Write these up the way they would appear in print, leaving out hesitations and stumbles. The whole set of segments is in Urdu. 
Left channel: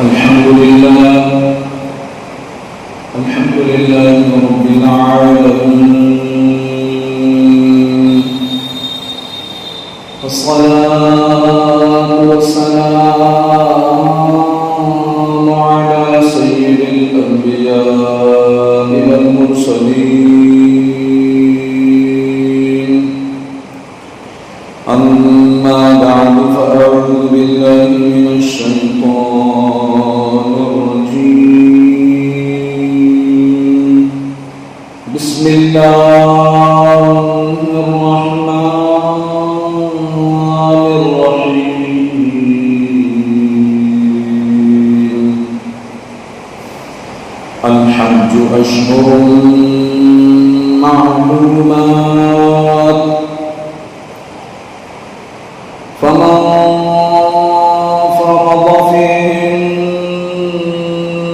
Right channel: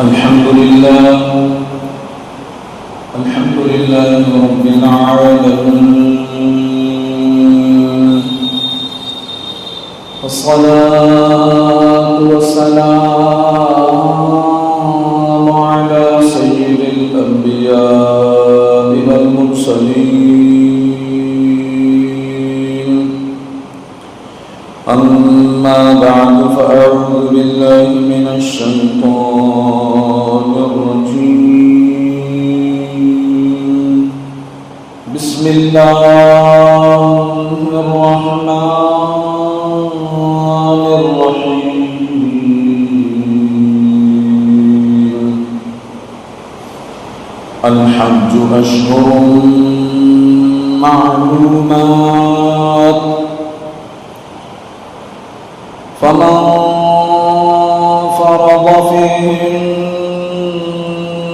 الحمد لله رب العالمين، والصلاة والسلام على سيد الأنبياء والمرسلين. أما بعد، فأعوذ بالله من الشيطان الرجيم. بسم الله الرحمن الرحيم. الحج أشهر معلومات، فمن فرض فيهن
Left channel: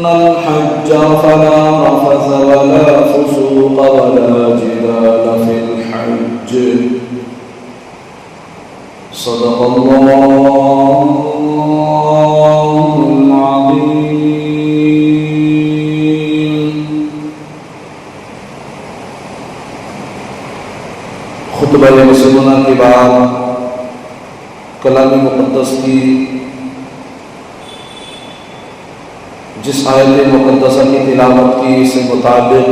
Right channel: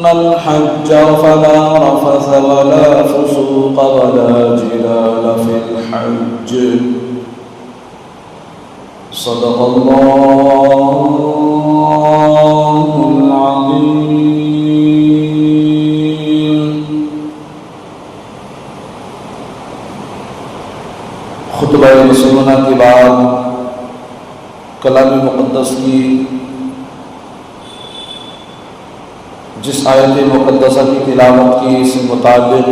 الحج فلا رفث ولا فسوق ولا جدال في الحج. صدق الله العظيم. خطبہ مسنونہ کے بعد کلام مقدس کی جس آیت مقدسہ کی تلاوت کی سے مطابق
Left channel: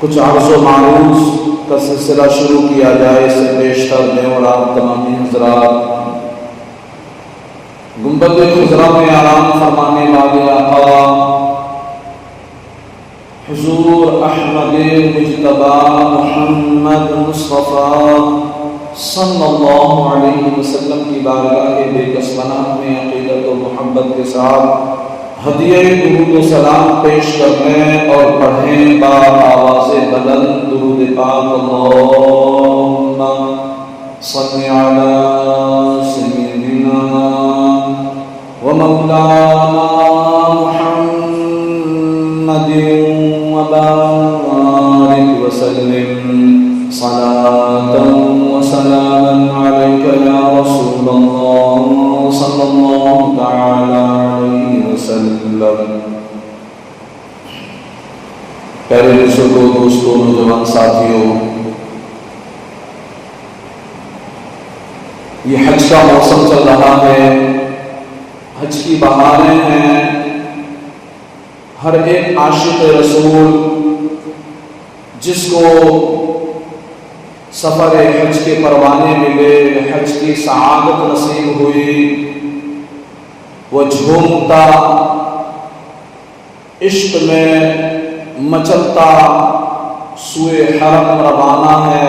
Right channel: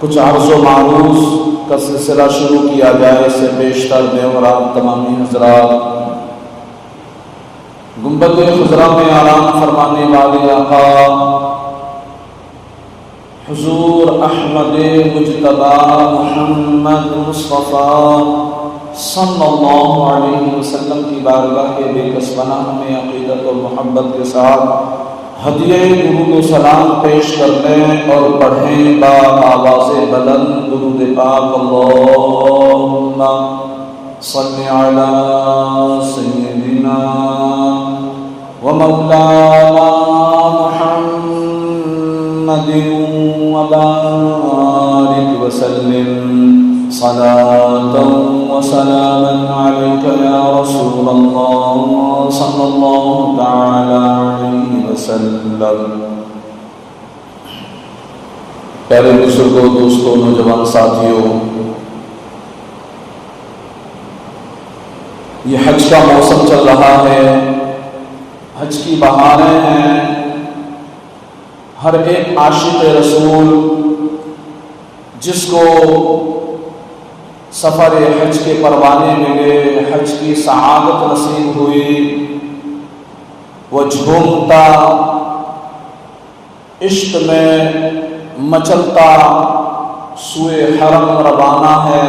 کچھ عرض و معروض کا سلسلہ شروع کیا جائے سے بیشتر میں اور آپ تمامی حضرات گنبد خضرا میں آرام فرمانے والے آقا حضور احمد مجتبی محمد مصطفیٰ صلی اللہ علیہ وسلم کی بارگاہ کے بے کس پناہ میں عقیدت و محبت کے ساتھ ہدیہ درود و سلام پیش کرنے اور پڑھیں با آواز بلند درود پاک اللہم صلی علی سیدنا و مولانا محمد و بارک وسلم صلاة وسلاما عليك يا رسول الله صلى الله تعالى عليه وسلم. پیارے بزرگوں، دوستوں، نوجوان ساتھیوں، یہ حج کا موسم چل رہا ہے، حج کی بہاریں ہیں. ہر ایک عاشق رسول جس کو سفر حج کے پروانے ملے، حج کی سعادت نصیب ہوئی، وہ جھومتا، عشق میں مچلتا سوئے حرم روانہ ہے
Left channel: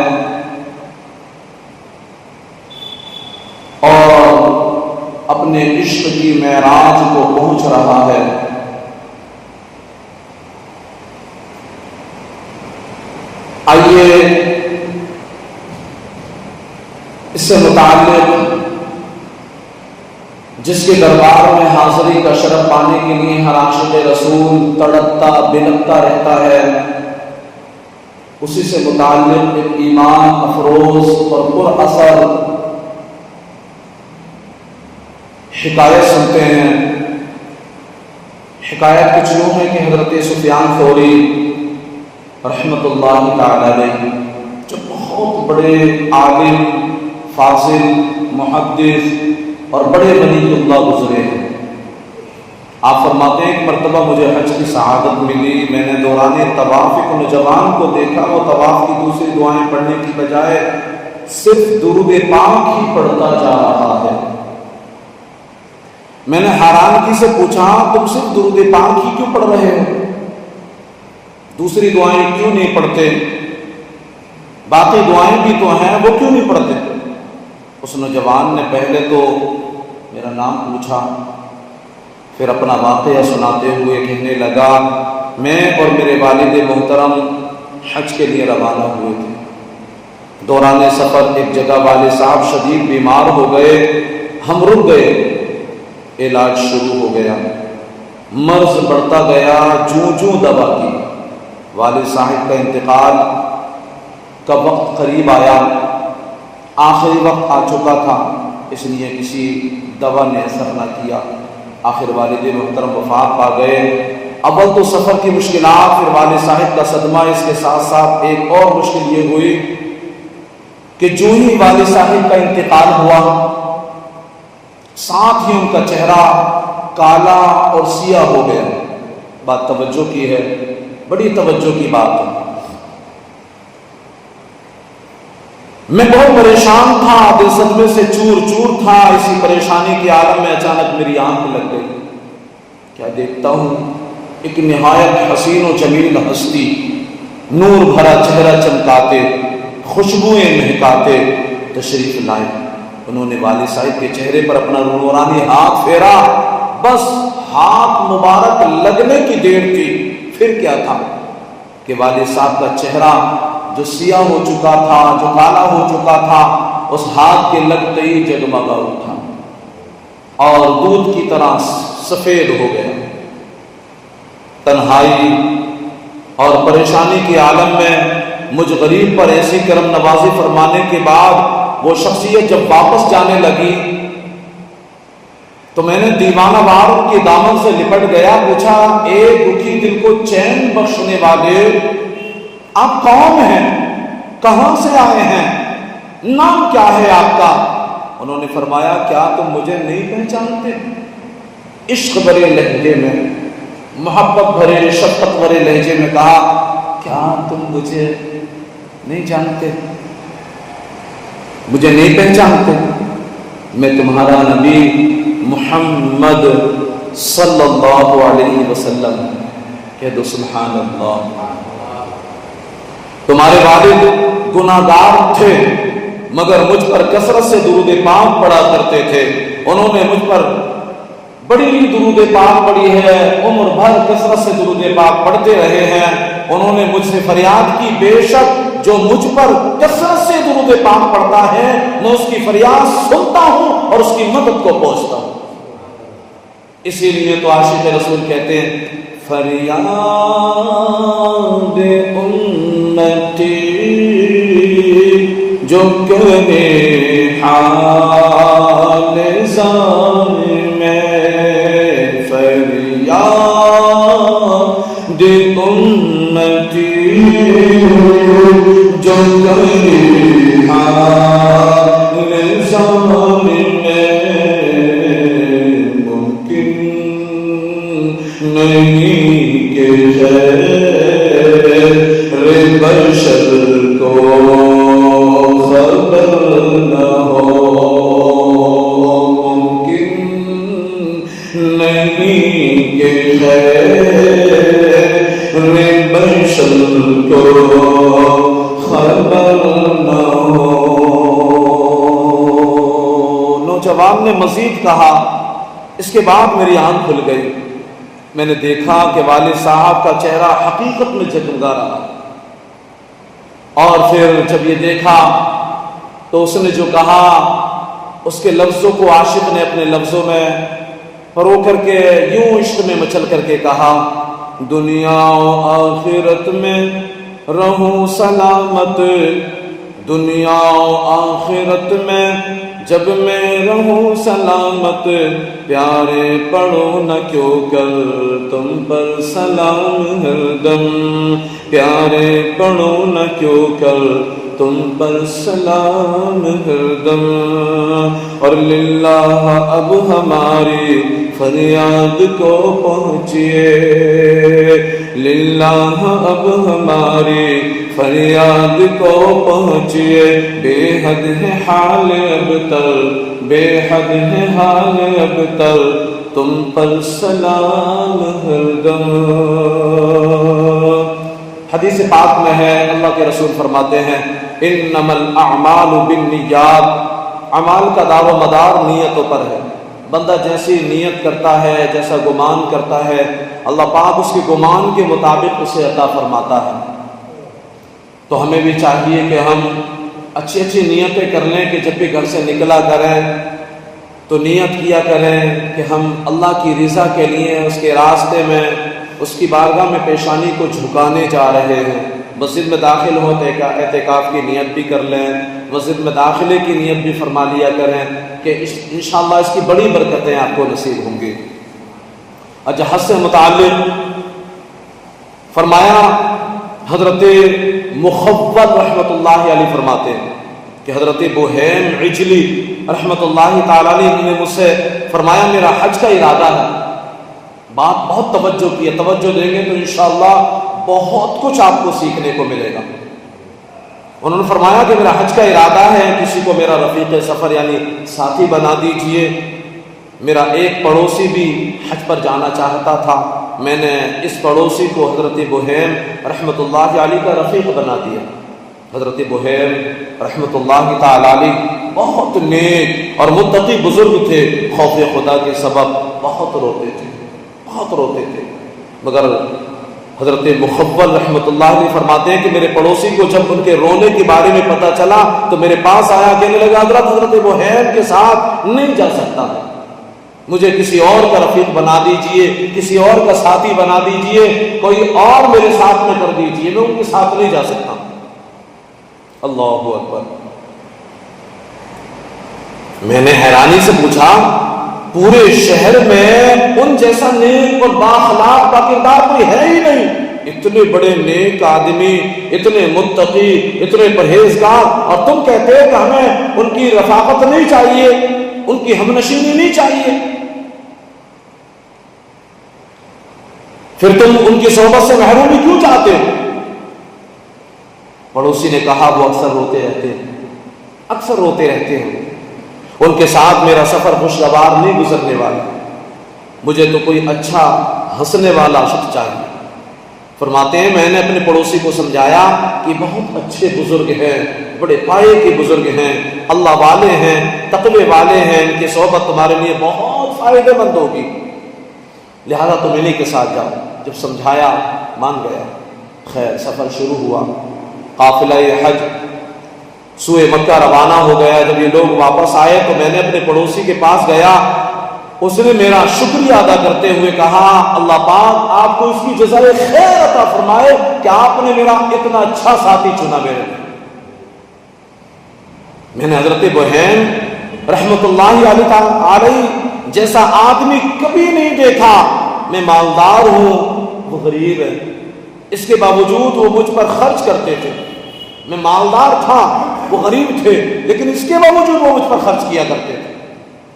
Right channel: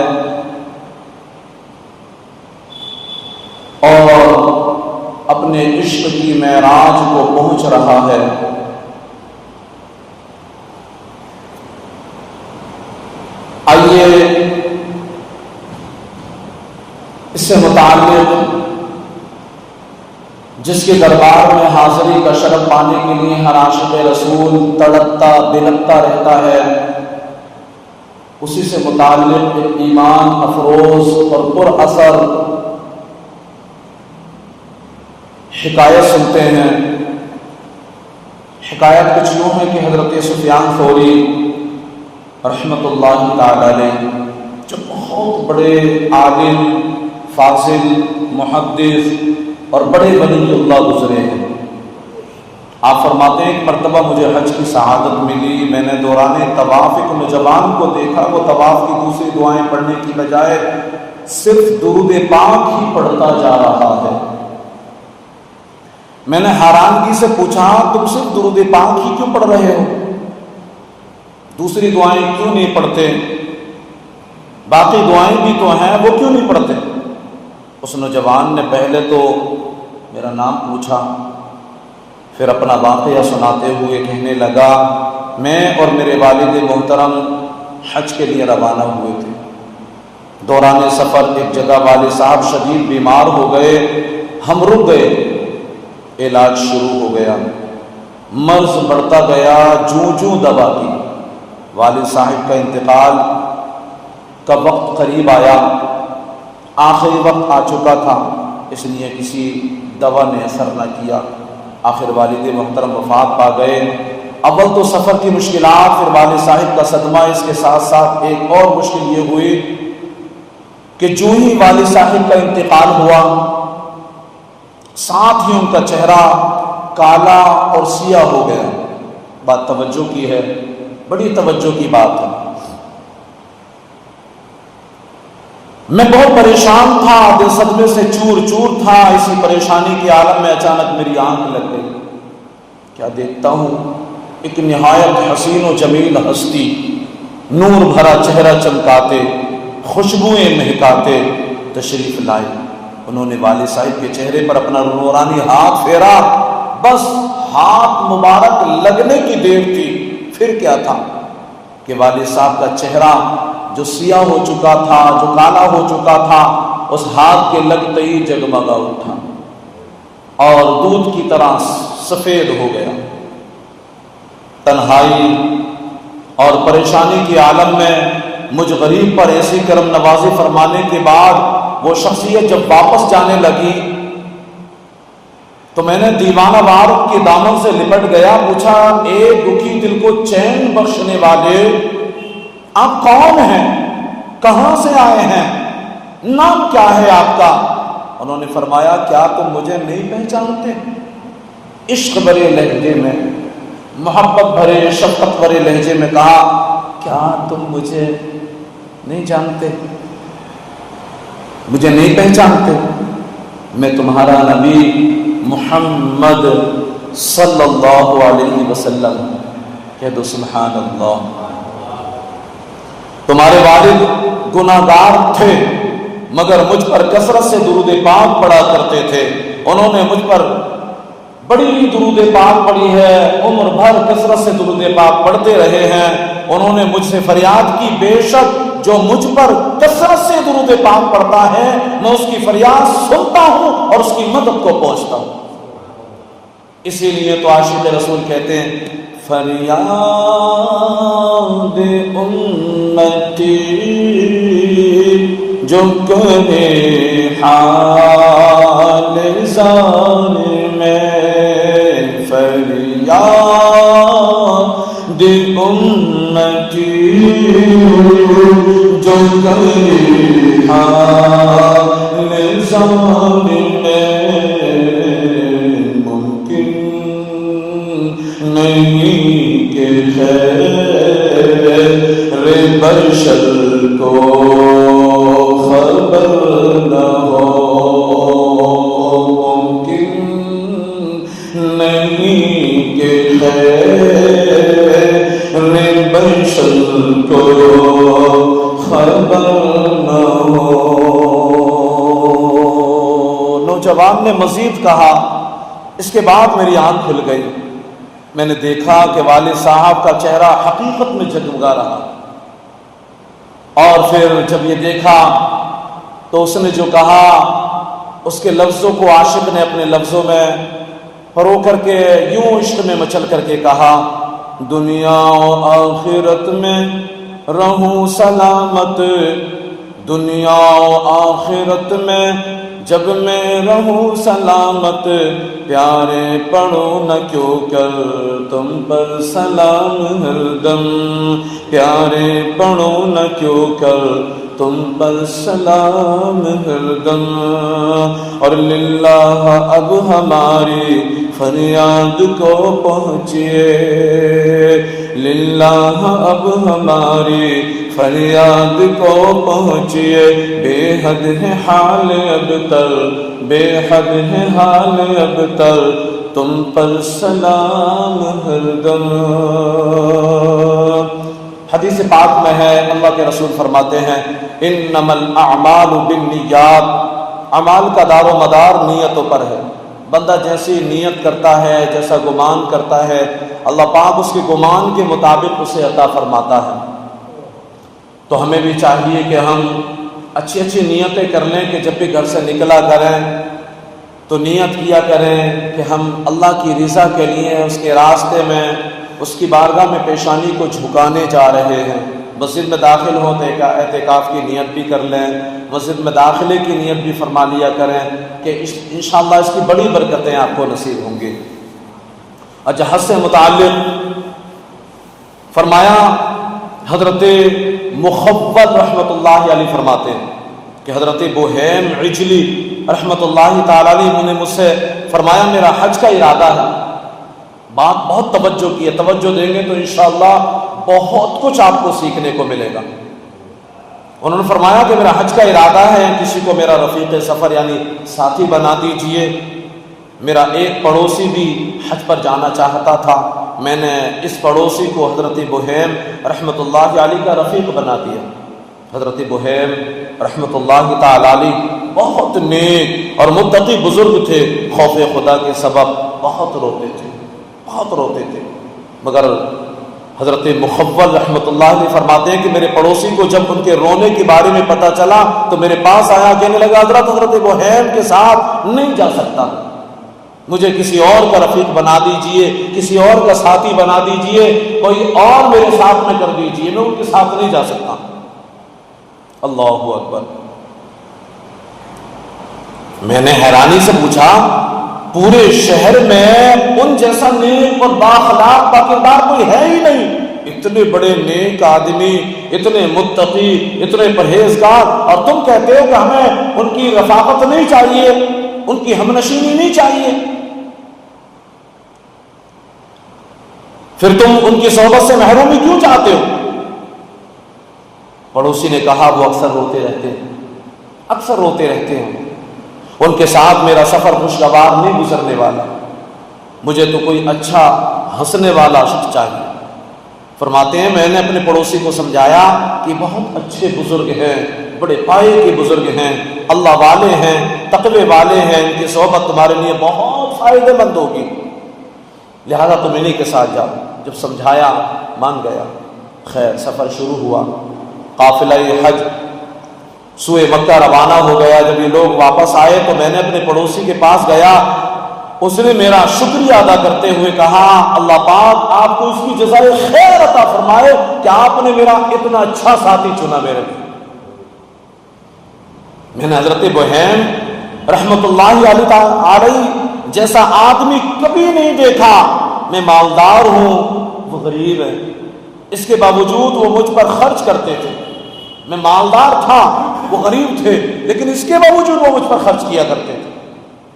اور اپنے عشق کی معراج کو پہنچ رہا ہے. آئیے اس سے متعلق جس کے دربار میں حاضری کا شرف پانے کے لیے ہر عاشق رسول تڑپتا بلکتا رہتا ہے، اسی سے متعلق ایمان افروز اور پر اثر حکایت سنتے ہیں. حکایت کچھ یوں ہے کہ حضرت سفیان ثوری رحمۃ اللہ تعالی علیہ جو بہت بڑے عالم، فاضل، محدث اور بڑے ولی اللہ گزرے ہیں، آپ فرماتے ہیں ایک مرتبہ مجھے حج کی سعادت ملی. میں نے دوران طواف ایک نوجوان کو دیکھا، وہ طواف کی دوسری دعائیں پڑھنے کی بجائے صرف درود پاک ہی پڑھتا جا رہا ہے. میں نے حیرانگی سے پوچھا تم صرف درود پاک ہی کیوں پڑھ رہے ہو، دوسری دعائیں کیوں نہیں پڑھتے؟ باقی دعائیں بھی تو ہیں، وہ کیوں نہیں پڑھتے؟ اس نوجوان نے پہلے تو میرا نام پوچھا، پھر اپنا واقعہ سناتے ہوئے کہنے لگا میں اور میرے والد محترم حج کے لیے روانہ ہوئے تھے. دوران سفر ایک جگہ والد صاحب شدید بیمار ہو گئے، ہم رک گئے، علاج شروع ہو گیا، مرض بڑھتا گیا، جوں دوا کی. والد صاحب کا انتقال کا وقت قریب آیا، آخری وقت آ چکا تھا، اس لیے کسی دوا نے اثر نہ کیا. آخر والد محترم وفات پا گئے۔ اول تو سفر کی مشکلات، پھر والد صاحب کا صدمہ، اس کے ساتھ ساتھ ایک اور مشکل یہ ہوئی کہ جو ہی والد صاحب کا انتقال ہوا ساتھ ہی ان کا چہرہ کالا اور سیاہ ہو گیا۔ بات توجہ کی ہے، بڑی توجہ کی بات ہے۔ میں بہت پریشان تھا، دل صدمے سے چور چور تھا۔ اسی پریشانی کے عالم میں اچانک میری آنکھ لگ گئی۔ کیا دیکھتا ہوں، ایک نہایت حسین و جمیل ہستی، نور بھرا چہرہ چمکاتے، خوشبوئیں مہکاتے تشریف لائے۔ انہوں نے والد صاحب کے چہرے پر اپنا نورانی ہاتھ پھیرا، بس ہاتھ مبارک لگنے کی دیر تھی، پھر کیا تھا کہ والد صاحب کا چہرہ جو سیاہ ہو چکا تھا، جو کالا ہو چکا تھا، اس ہاتھ کے لگتے ہی جگمگا اٹھا اور دودھ کی طرح سفید ہو گیا۔ تنہائی اور پریشانی کے عالم میں مجھ غریب پر ایسی کرم نوازی فرمانے کے بعد وہ شخصیت جب واپس جانے لگی تو میں نے دیوانہ وار کے دامن سے لپٹ گیا، پوچھا ایک دکھی دل کو چین بخشنے والے آپ کون ہیں، کہاں سے آئے ہیں، نام کیا ہے آپ کا؟ انہوں نے فرمایا کیا تم مجھے نہیں پہچانتے؟ عشق بھرے لہجے میں، محبت بھرے شفقت بھرے لہجے میں کہا کیا تم مجھے نہیں جانتے، مجھے نہیں پہچانتے؟ میں تمہارا نبی محمد صلی اللہ علیہ وسلم، کہہ دو سبحان اللہ۔ تمہارے والد گناہگار تھے مگر مجھ پر کثرت سے درود پاک پڑھا کرتے تھے، انہوں نے مجھ پر بڑی درود پاک پڑھی ہے، عمر بھر کثرت سے درود پاک پڑھتے رہے ہیں۔ انہوں نے مجھ سے فریاد کی بے شک جو مجھ پر کثرت سے درود پاک پڑھتا ہے میں اس کی فریاد سنتا ہوں اور اس کی مدد کو پہنچتا ہوں۔ اسی لیے تو عاشق رسول کہتے ہیں فریاد امتی جو کرے حال زان میں، فریاد امتی جو کرے حال زان میں، ممکن نہیں کہ خیر بشر کو خبر نہ ہو، ممکن نہیں کہ خیر بشر کو خبر نہ ہو۔ نوجوان نے مزید کہا اس کے بعد میری آنکھ کھل گئی، میں نے دیکھا کہ والد صاحب کا چہرہ حقیقت میں جگمگا رہا، اور پھر جب یہ دیکھا تو اس نے جو کہا اس کے لفظوں کو عاشق نے اپنے لفظوں میں پرو کر کے یوں عشق میں مچل کر کے کہا دنیا و آخرت میں رہوں سلامت، دنیا و آخرت میں جب میں رہوں سلامت، پیارے پڑھو نہ کیوں کر تم پر سلام ہر دم، پیارے پڑھو نہ کیوں کر تم پر سلام ہر دم، اور للہ اب ہماری فریاد کو پہنچیے، للہ اب ہماری فریاد کو پہنچیے، بے حد ہے حال ابتر، بے حد ہے حال ابتر، تم پر سلام ہر دم۔ حدیث پاک میں ہے اللہ کے رسول فرماتے ہیں انما الاعمال بالنیات، اعمال کا دار و مدار نیتوں پر ہے، بندہ جیسی نیت کرتا ہے، جیسا گمان کرتا ہے، اللہ پاک اس کے گمان کے مطابق اسے عطا فرماتا ہے۔ تو ہمیں بھی چاہیے کہ ہم اچھی اچھی نیتیں کر لیں کہ جب بھی گھر سے نکلا کریں تو نیت کیا کریں کہ ہم اللہ کی رضا کے لیے اس کے راستے میں اس کی بارگاہ میں پیشانی کو جھکانے جا رہے ہیں۔ مسجد میں داخل ہو تو اعتکاف کی نیت بھی کر لیں، مسجد میں داخلے کی نیت بھی فرما لیا کریں کہ انشاءاللہ اس کی بڑی برکتیں آپ کو نصیب ہوں گی۔ اچھا، حج سے متعلق فرمایا حضرت مخول رحمۃ اللہ علیہ فرماتے ہیں کہ حضرت بوہیم عجلی رحمۃ اللہ تعالی علیہ نے مجھ سے فرمایا میرا حج کا ارادہ ہے. بات بہت توجہ کی ہے، توجہ دیں گے تو انشاءاللہ بہت کچھ آپ کو سیکھنے کو ملے گا. انہوں نے فرمایا کہ میرا حج کا ارادہ ہے، کسی کو میرا رفیق سفر یعنی ساتھی بنا دیجئے. میرا ایک پڑوسی بھی حج پر جانا چاہتا تھا، میں نے اس پڑوسی کو حضرت بوہیم رحمۃ اللہ علیہ کا رفیق بنا دیا. حضرت بوہیم رحمۃ اللہ تعالی علیہ بہت نیک اور متقی بزرگ تھے. خوف خدا کے سبب بہت روتے تھے، بہت روتے تھے. مگر حضرت مخول رحمۃ اللہ علیہ فرماتے ہیں کہ میرے پڑوسی کو جب ان کے رونے کے بارے میں پتہ چلا تو میرے پاس آیا، کہنے لگا حضرت بوہیم کے ساتھ نہیں جا سکتا، مجھے کسی اور کا رفیق بنا دیجئے، کسی اور کا ساتھی بنا دیجئے، کوئی اور میرے ساتھ میں کر دیجئے، میں ان کے ساتھ نہیں جا سکتا. اللہ اکبر. میں نے حیرانی سے پوچھا پورے شہر میں ان جیسا نیک اور بااخلاق باکردار کوئی ہے ہی نہیں. اتنے بڑے نیک آدمی، اتنے متقی، اتنے پرہیزگار، اور تم کہتے ہو کہ ہمیں ان کی رفاقت نہیں چاہیے، ان کی ہمنشینی نہیں چاہیے، پھر تم ان کی صحبت سے محرومی کیوں چاہتے ہو؟ پڑوسی نے کہا وہ اکثر روتے رہتے ہیں، اکثر روتے رہتے ہیں، ان کے ساتھ میرا سفر خوشگوار نہیں گزرنے والا، مجھے تو کوئی اچھا ہنسنے والا شخص چاہیے. فرماتے ہیں میں نے اپنے پڑوسی کو سمجھایا کہ بہت اچھے بزرگ ہیں، بڑے پائے کے بزرگ ہیں، اللہ والے ہیں، تقوی والے ہیں، ان کی صحبت تمہارے لیے بہت فائدہ مند ہوگی، لہذا تم انہی کے ساتھ جاؤ. جب سمجھایا مان گیا. خیر سفر شروع ہوا، قافلہ حج سوئے مکہ روانہ ہو گیا. جب یہ لوگ واپس آئے تو میں نے اپنے پڑوسی کے پاس گیا، اس نے میرا شکریہ ادا کرتے ہوئے کہا اللہ پاک آپ کو اس کی جزائے خیر عطا فرمائے کہ آپ نے میرا اتنا اچھا ساتھی چنا میرے لیے. میں نے حضرت بوہیم رحمۃ اللہ علیہ جیسا آدمی کبھی نہیں دیکھا. میں مالدار ہوں، وہ غریب ہے، اس کے باوجود وہ مجھ پر خرچ کرتے تھے. میں مالدار تھا، وہ غریب تھے، لیکن اس کے باوجود وہ مجھ پر خرچ کیا کرتے تھے.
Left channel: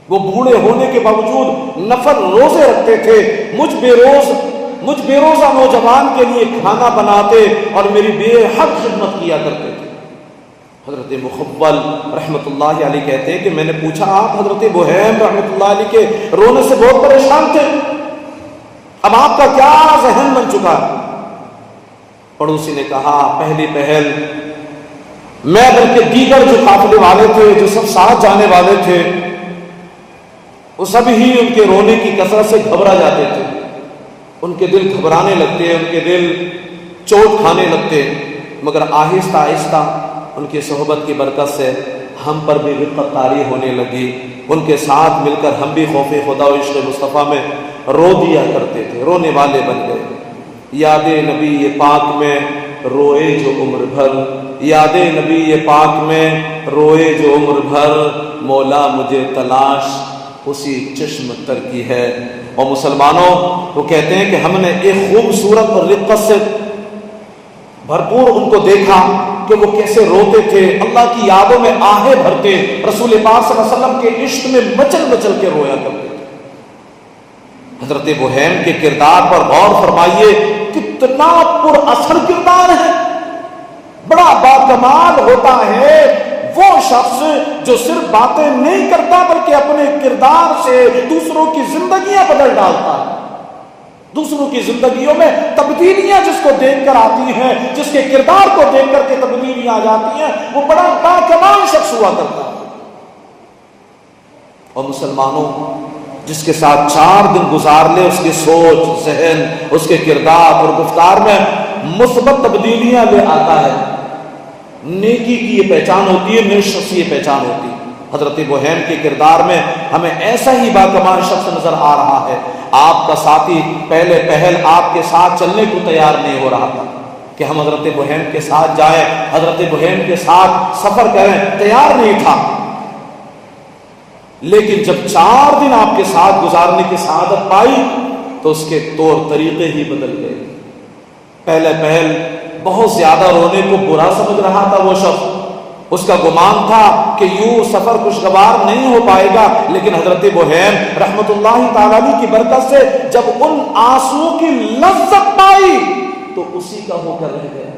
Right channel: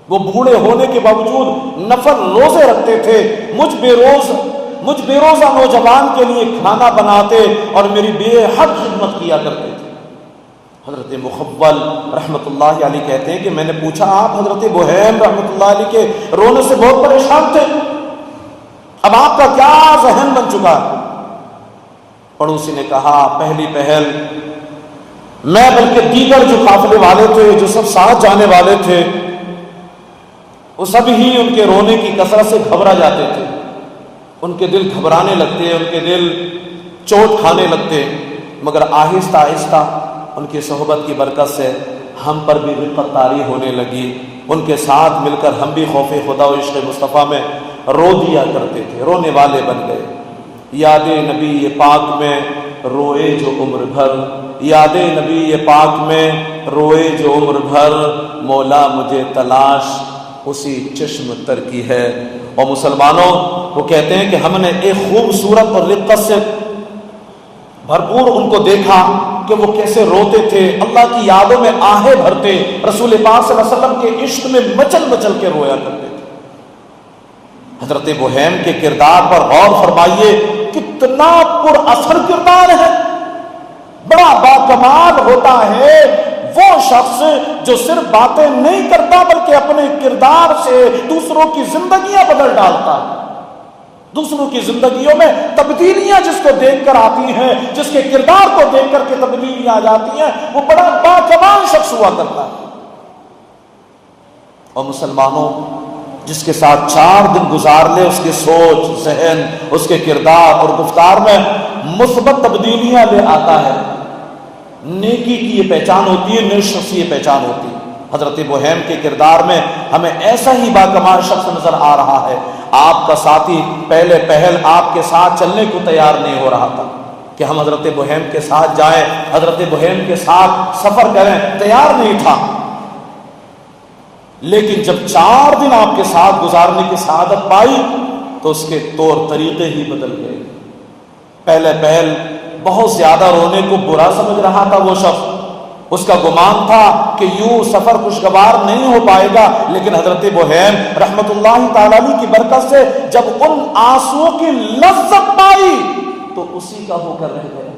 وہ بوڑھے ہونے کے باوجود نفل روزے رکھتے تھے، مجھ بے روزہ نوجوان کے لیے کھانا بناتے اور میری بے حد خدمت کیا کرتے تھے. حضرت مخول رحمۃ اللہ علیہ کہتے ہیں کہ میں نے پوچھا آپ حضرت بوہیم رحمۃ اللہ علیہ کے رونے سے بہت پریشان تھے، اب آپ کا کیا ذہن بن چکا؟ پڑوسی نے کہا پہلی پہل میں بلکہ دیگر جو قافلے والے تھے، جو سب ساتھ جانے والے تھے، وہ سب ہی ان کے رونے کی کثرت سے گھبرا جاتے تھے. ان کے دل گھبرانے لگتے، ان کے دل چوٹ کھانے لگتے. مگر آہستہ آہستہ ان کی صحبت کی برکت سے ہم پر بھی رفقت طاری ہونے لگی. ان کے ساتھ مل کر ہم بھی خوف خدا و عشق مصطفیٰ میں رو دیا کرتے تھے، رونے والے بن گئے. یاد نبی پاک میں روئے جو عمر بھر، یاد نبی پاک میں روئے جو عمر بھر، مولا مجھے تلاش اسی چشم تر کی ہے. اور مسلمانوں وہ کہتے ہیں کہ ہم نے ایک خوبصورت اور رقت سے بھرپور ان کو دیکھا کہ وہ کیسے روتے تھے، اللہ کی یادوں میں آہیں بھرتے، رسول پاک صلی اللہ علیہ وسلم کے عشق میں مچل مچل کے رویا کرتے تھے. حضرت بوہیم کے کردار پر غور فرمائیے، کتنا پر اثر کردار ہے. بڑا باکمال ہوتا ہے وہ شخص جو صرف باتیں نہیں کرتا بلکہ اپنے کردار سے دوسروں کی زندگیاں بدل ڈالتا ہے. دوسروں کی زندگیوں میں تبدیلیاں جس کو دیکھ کر آتی ہیں، جس کے کردار کو دیکھ کر کے تبدیلیاں آ جاتی ہیں، وہ بڑا باکمال شخص ہوا کرتا ہے. اور مسلمانوں جس کے ساتھ 4 دن گزار لے، اس کی سوچ، ذہن، اس کے کردار اور گفتار میں مثبت تبدیلیاں لے آتا ہے. نیکی کی یہ پہچان ہوتی ہے، نیک شخص کی یہ پہچان ہوتی ہے. حضرت بوہیم کے کردار میں ہمیں ایسا ہی باکمال شخص نظر آ رہا ہے. آپ کا ساتھی پہلے پہل آپ کے ساتھ چلنے کو تیار نہیں ہو رہا تھا کہ ہم حضرت بوہیم کے ساتھ جائیں، حضرت بوہیم کے ساتھ سفر کریں، تیار نہیں تھا. لیکن جب 4 دن آپ کے ساتھ گزارنے کی سعادت پائی تو اس کے طور طریقے ہی بدل گئے. پہل بہت زیادہ رونے کو برا سمجھ رہا تھا وہ شخص. اس کا گمان تھا کہ یوں سفر خوشگوار نہیں ہو پائے گا، لیکن حضرت بحیر رحمت اللہ تعالی علیہ کی برکت سے جب ان آنسوؤں کی لذت پائی تو اسی کا ہو کر رہ گئے،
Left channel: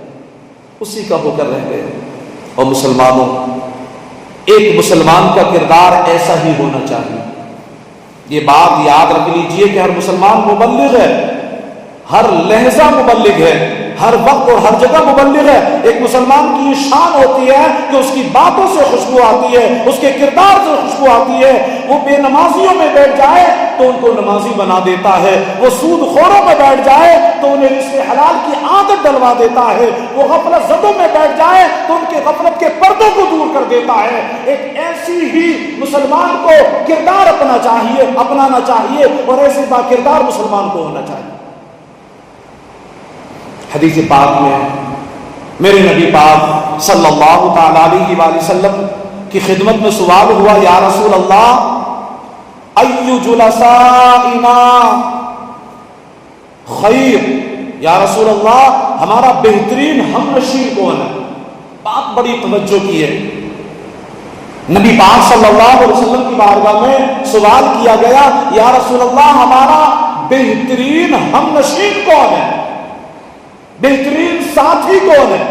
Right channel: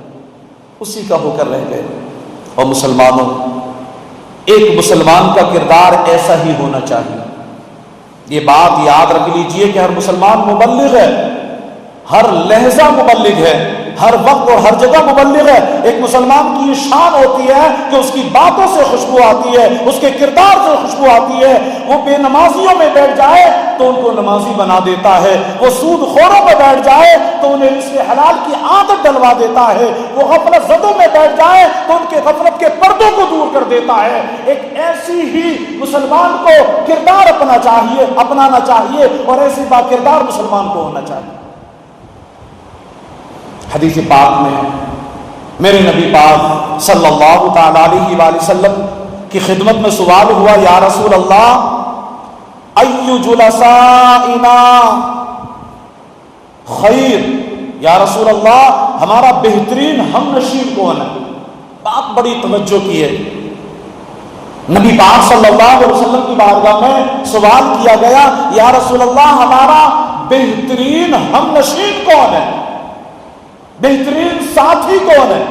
اسی کا ہو کر رہ گئے. اور مسلمانوں، ایک مسلمان کا کردار ایسا ہی ہونا چاہیے. یہ بات یاد رکھ لیجئے کہ ہر مسلمان مبلغ ہے، ہر لہجہ مبلغ ہے، ہر وقت اور ہر جگہ مبلغ ہے. ایک مسلمان کی یہ شان ہوتی ہے کہ اس کی باتوں سے خوشبو آتی ہے، اس کے کردار سے خوشبو آتی ہے. وہ بے نمازیوں میں بیٹھ جائے تو ان کو نمازی بنا دیتا ہے، وہ سود خوروں میں بیٹھ جائے تو انہیں رزق حلال کی عادت ڈلوا دیتا ہے، وہ غفلت زدوں میں بیٹھ جائے تو ان کے غفلت کے پردوں کو دور کر دیتا ہے. ایک ایسی ہی مسلمان کو کردار اپنانا چاہیے اور ایسے با کردار مسلمان کو ہونا چاہیے. حدیث پاک میں میرے نبی پاک صلی اللہ تعالی علیہ وآلہ وسلم کی خدمت میں سوال ہوا، یا رسول اللہ ای جلسائنا خیر، یا رسول اللہ ہمارا بہترین ہم نشین کون ہے؟ بات بڑی توجہ کی ہے. نبی پاک صلی اللہ علیہ وسلم کی بارگاہ میں سوال کیا گیا، یا رسول اللہ ہمارا بہترین ہم نشین کون ہے، بہترین ساتھی کون ہے؟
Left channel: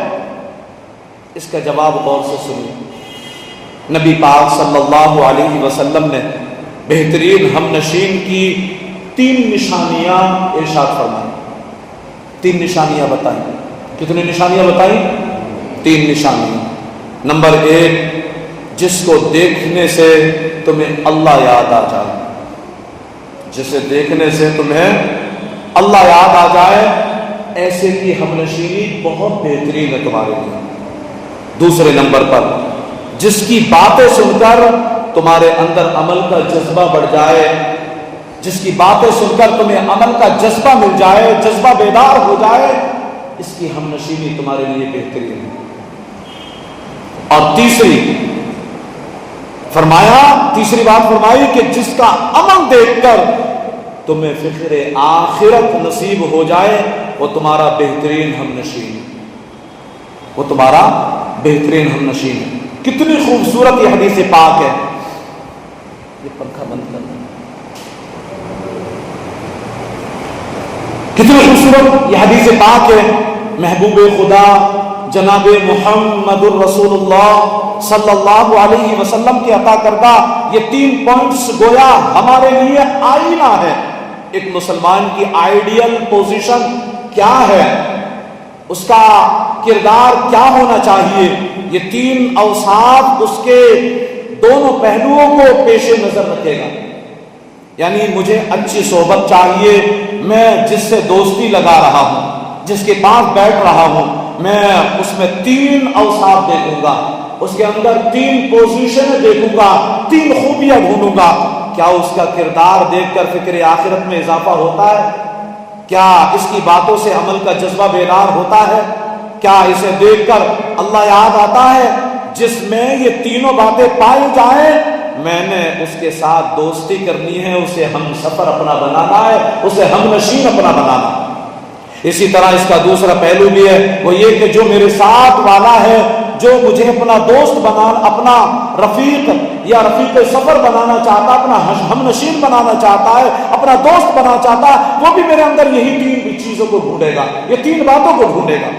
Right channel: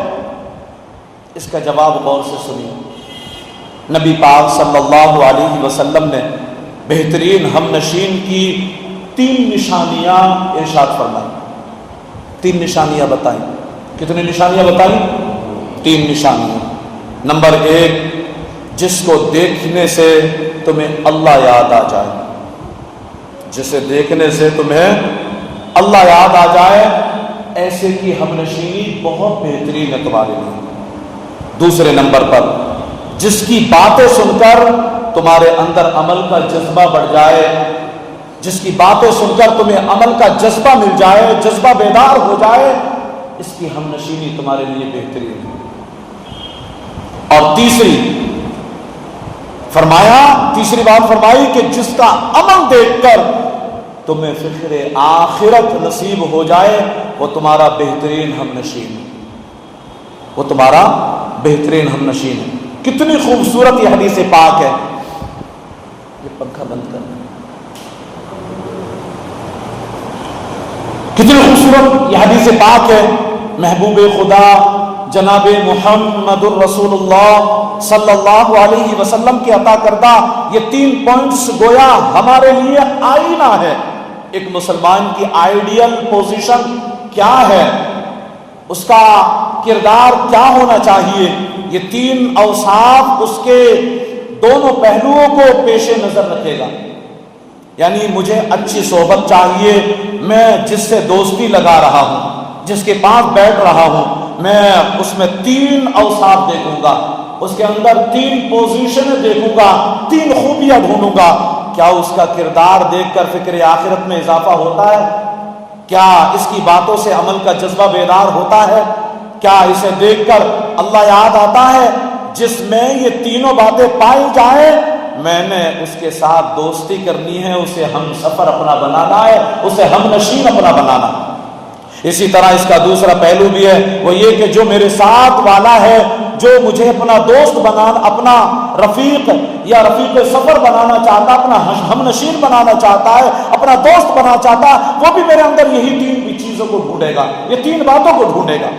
اس کا جواب غور سے سنیے. نبی پاک صلی اللہ علیہ وسلم نے بہترین ہم نشین کی 3 نشانیاں ارشاد فرمائیں. 3 نشانیاں بتائیں. کتنی نشانیاں بتائیں؟ 3 نشانیاں. نمبر 1، جس کو دیکھنے سے تمہیں اللہ یاد آ جائے، جسے دیکھنے سے تمہیں اللہ یاد آ جائے، ایسے کی ہم نشینی بہت بہترین ہے تمہارے لیے. دوسرے نمبر پر، جس کی باتیں سن کر تمہارے اندر عمل کا جذبہ بڑھ جائے، جس کی باتیں سن کر تمہیں عمل کا جذبہ مل جائے، جذبہ بیدار ہو جائے، اس کی ہم نشینی تمہارے لیے بہترین ہے. اور تیسری بات فرمائی کہ جس کا عمل دیکھ کر تمہیں فکر آخرت نصیب ہو جائے، وہ تمہارا بہترین ہم نشین ہے، وہ تمہارا بہترین ہم نشین ہے. کتنی خوبصورت یہ حدیث پاک ہے. یہ پنکھا بند کر، کتنی خوبصورت یہ حدیث پاک ہے. محبوب خدا جناب محمد الرسول اللہ صلی اللہ علیہ وسلم کے عطا کردہ یہ 3 پوائنٹس گویا ہمارے لیے آئینہ ہے. ایک مسلمان کی آئیڈیل پوزیشن کیا ہے، اس کا کردار کیا ہونا چاہیے، یہ 3 اوصاف اس کے دونوں پہلوؤں کو پیش نظر رکھے گا. یعنی مجھے اچھی صحبت چاہیے، میں جس سے دوستی لگا رہا ہوں، جس کے پاس بیٹھ رہا ہوں، میں اس میں 3 اوصاف دیکھوں گا، اس کے اندر 3 پوزیشن دیکھوں گا، 3 خوبیاں ڈھونڈوں گا. کیا اس کا کردار دیکھ کر فکر آخرت میں اضافہ ہوتا ہے؟ کیا اس کی باتوں سے عمل کا جذبہ بیدار ہوتا ہے؟ کیا اسے دیکھ کر اللہ یاد آتا ہے؟ جس میں یہ تینوں باتیں پائی جائیں، میں نے اس کے ساتھ دوستی کرنی ہے، اسے ہم سفر اپنا بنانا ہے، اسے ہم نشین اپنا بنانا. اسی طرح اس کا دوسرا پہلو بھی ہے، وہ یہ کہ جو میرے ساتھ والا ہے، جو مجھے اپنا دوست بنانا، اپنا رفیق یا رفیق سفر بنانا چاہتا، اپنا ہم نشین بنانا چاہتا ہے، اپنا دوست بنانا چاہتا ہے، وہ بھی میرے اندر یہی 3 چیزوں کو ڈھونڈے گا، یہ 3 باتوں کو ڈھونڈے گا.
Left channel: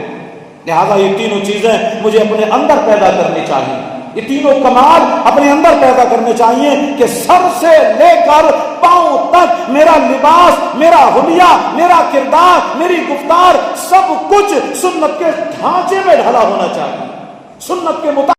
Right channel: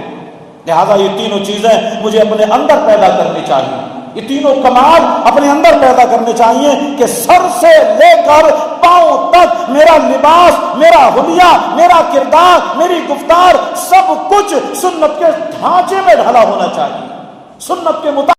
لہذا یہ تینوں چیزیں مجھے اپنے اندر پیدا کرنی چاہیے، یہ تینوں کمال اپنے اندر پیدا کرنے چاہیے کہ سر سے لے کر پاؤں تک میرا لباس، میرا حلیہ، میرا کردار، میری گفتار، سب کچھ سنت کے ڈھانچے میں ڈھلا ہونا چاہیے، سنت کے مطابق